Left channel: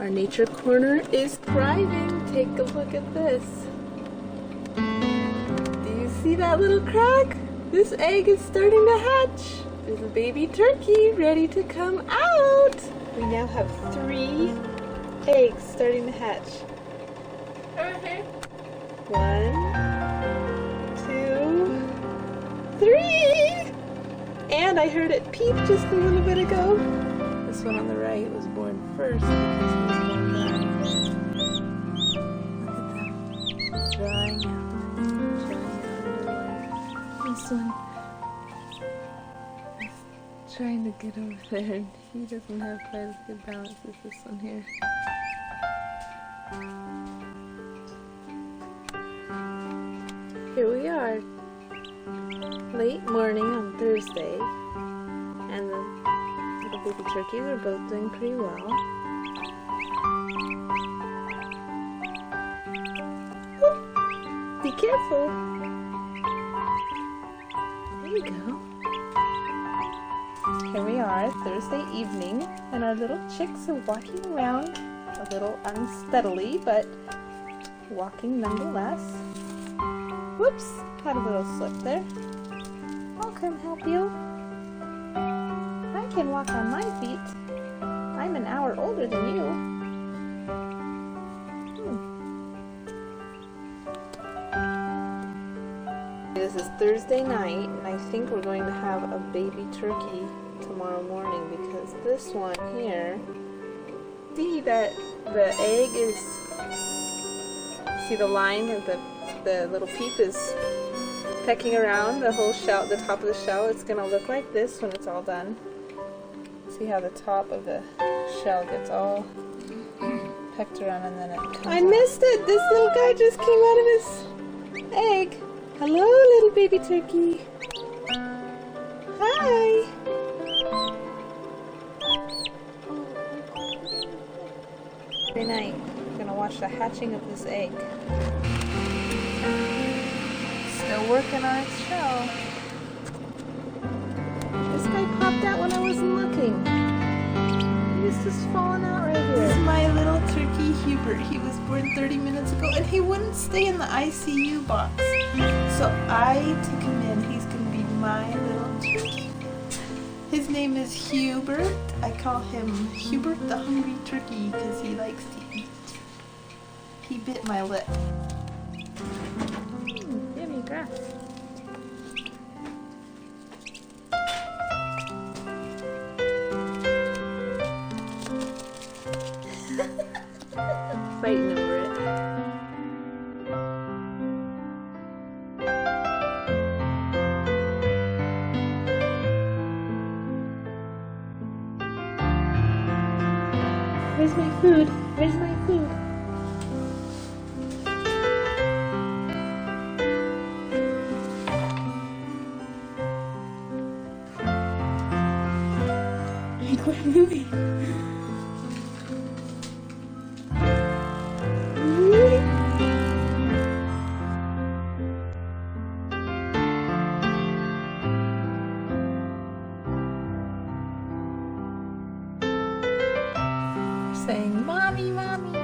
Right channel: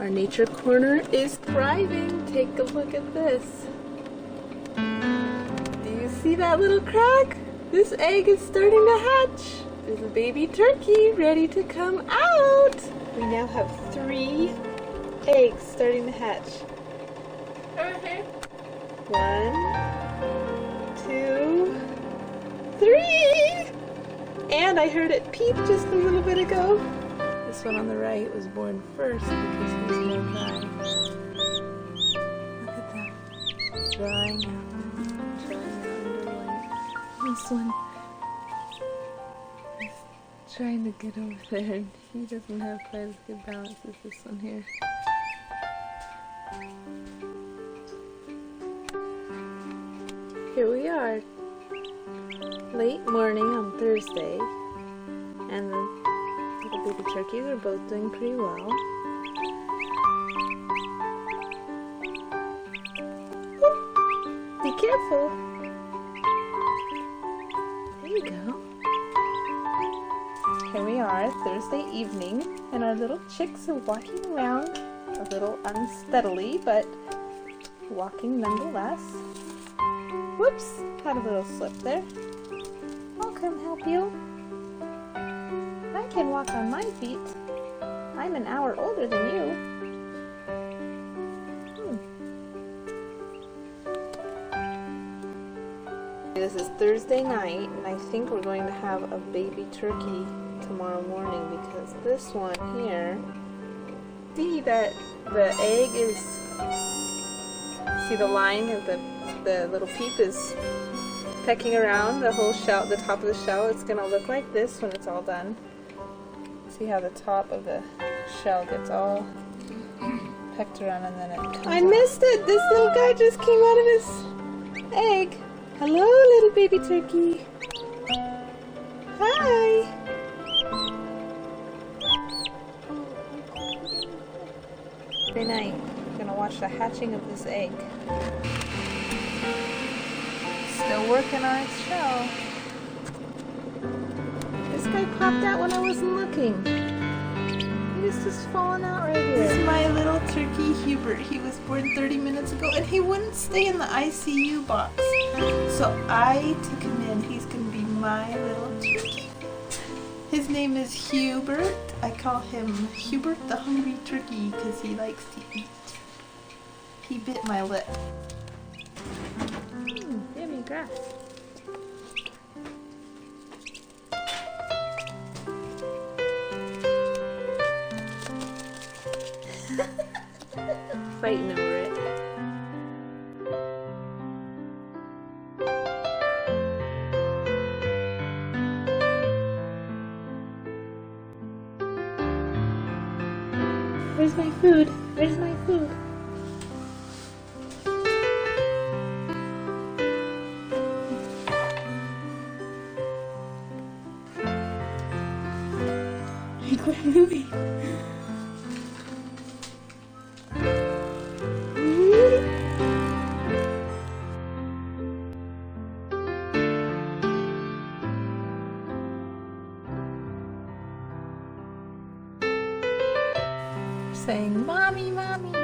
Our nature corner is thriving. Take a look at this. Do you see that little crack? This egg is starting to hatch. There's a baby turkey ready to come out. We now have 3 eggs starting to hatch. Okay. 1, 2, 3! And I heard it peep just a little bit ago. This one on the right was born first because he's more dry. Look at them. Drying out into light. This one is trying to get over there and he doesn't have quite as good balance as this one here. Here we are. Late morning on Thursday, and the little baby turkeys are both doing pretty well. Oop, be careful. There you go. Here we are, Thursday evening, and our little chicks are walking around a little unsteadily, but walking nonetheless. Whoops, had a little slip there. I'll come help you. I can walk on my feet. I'm an hour older than you. This is Thursday night, and I think we're going to have a baby turkey tomorrow morning because this one here, see that the egg is, see the line of the little peep is pecking around the whole shell, the top of the shell. It's going to look like this when it's all done. See how the top of the shell gets all pecked around and then it comes out. Missed it! This little guy just came out of his egg. Hello, little baby turkey. Hi! Every night, we're going to watch the hatching of this egg. Still working on its shell. This guy popped out when I wasn't looking. He was just falling out right here. This is my little turkey Hubert. He was born 30 minutes ago and he wouldn't stay in the ICU box. So I took him in. He's going to be my little turkey. His name is Hubert. I call him Hubert the Hungry Turkey because he likes to eat. He bit my lip. Yummy grass. Fighting over it. Where's my food? Where's my food? Quit moving. Saying, "Mommy, mommy."